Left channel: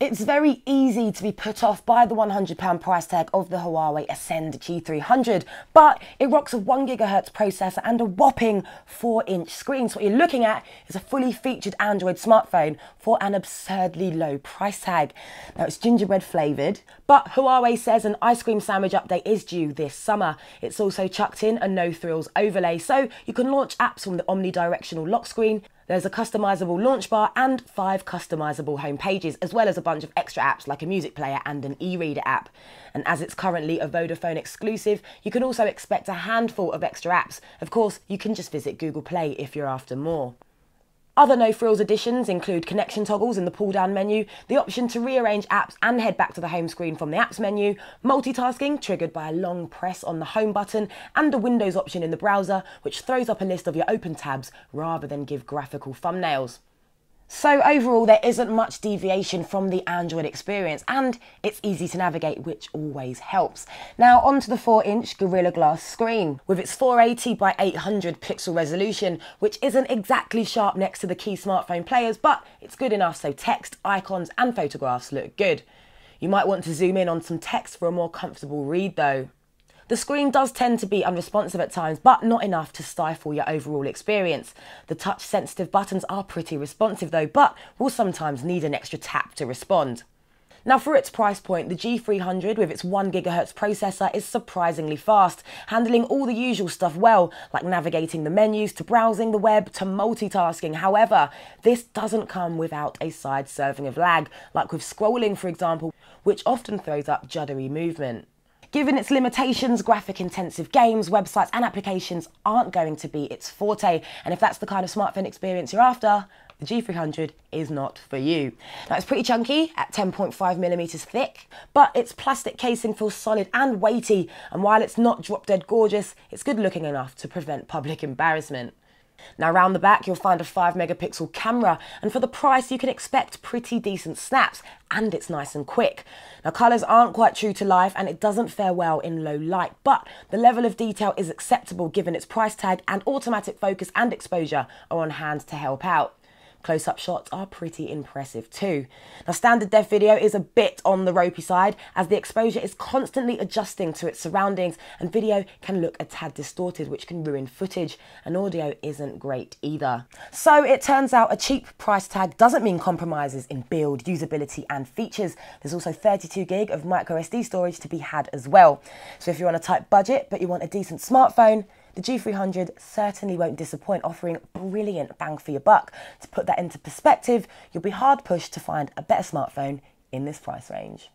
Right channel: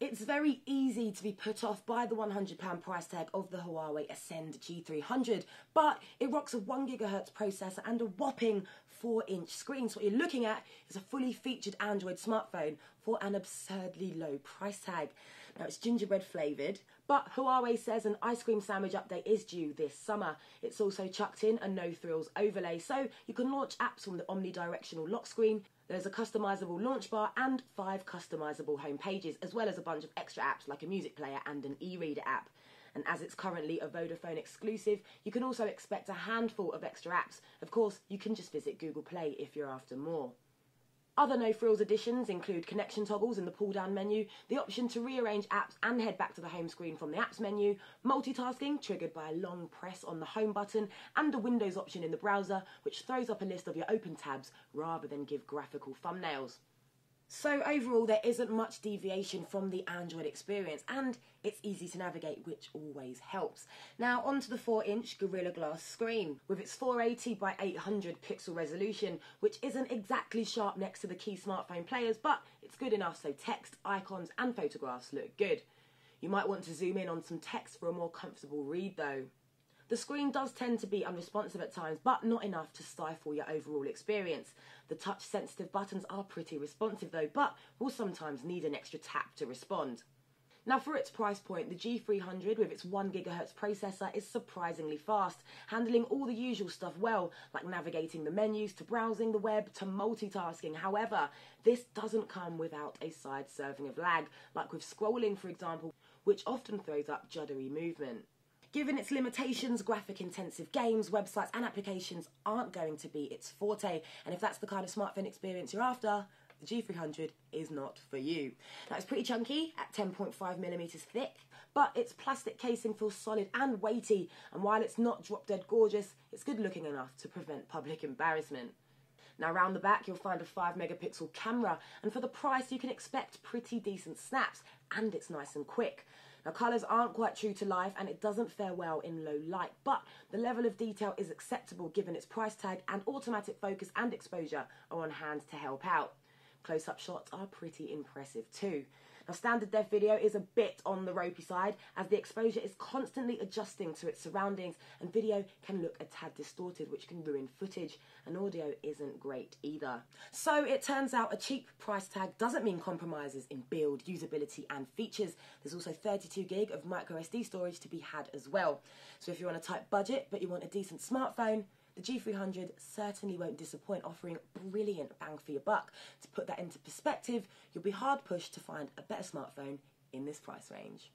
It's very easy to be put off by the £100 price tag of the Huawei Ascend G300, but it rocks a 1GHz processor and a whopping 4-inch screen. So what you're looking at is a fully featured Android smartphone for an absurdly low price tag. Now it's gingerbread flavoured, but Huawei says an ice cream sandwich update is due this summer. It's also chucked in a no-thrills overlay, so you can launch apps from the omnidirectional lock screen. There's a customisable launch bar and 5 customisable home pages, as well as a bunch of extra apps like a music player and an e-reader app. And as it's currently a Vodafone exclusive, you can also expect a handful of extra apps. Of course, you can just visit Google Play if you're after more. Other no-frills additions include connection toggles in the pull-down menu, the option to rearrange apps and head back to the home screen from the apps menu, multitasking triggered by a long press on the home button, and a Windows option in the browser which throws up a list of your open tabs rather than give graphical thumbnails. So overall, there isn't much deviation from the Android experience, and it's easy to navigate, which always helps. Now onto the 4-inch Gorilla Glass screen. With its 480 by 800 pixel resolution, which isn't exactly sharp next to the key smartphone players, but it's good enough so text, icons and photographs look good. You might want to zoom in on some text for a more comfortable read though. The screen does tend to be unresponsive at times, but not enough to stifle your overall experience. The touch-sensitive buttons are pretty responsive though, but will sometimes need an extra tap to respond. Now for its price point, the G300 with its 1GHz processor is surprisingly fast, handling all the usual stuff well, like navigating the menus, to browsing the web, to multitasking. However, this doesn't come without a side serving of lag, like with scrolling for example, which often throws up juddery movement. Given its limitations, graphic-intensive games, websites and applications aren't going to be its forte, and if that's the kind of smartphone experience you're after, the G300 is not for you. Now it's pretty chunky at 10.5mm thick, but its plastic casing feels solid and weighty, and while it's not drop-dead gorgeous, it's good looking enough to prevent public embarrassment. Now around the back you'll find a 5-megapixel camera, and for the price you can expect pretty decent snaps, and it's nice and quick. Now colours aren't quite true to life and it doesn't fare well in low light, but the level of detail is acceptable given its price tag, and automatic focus and exposure are on hand to help out. Close-up shots are pretty impressive too. Now standard def video is a bit on the ropey side as the exposure is constantly adjusting to its surroundings, and video can look a tad distorted which can ruin footage, and audio isn't great either. So it turns out a cheap price tag doesn't mean compromises in build, usability and features. There's also 32GB of microSD storage to be had as well. So if you're on a tight budget but you want a decent smartphone, the G300 certainly won't disappoint, offering brilliant bang for your buck. To put that into perspective, you'll be hard pushed to find a better smartphone in this price range.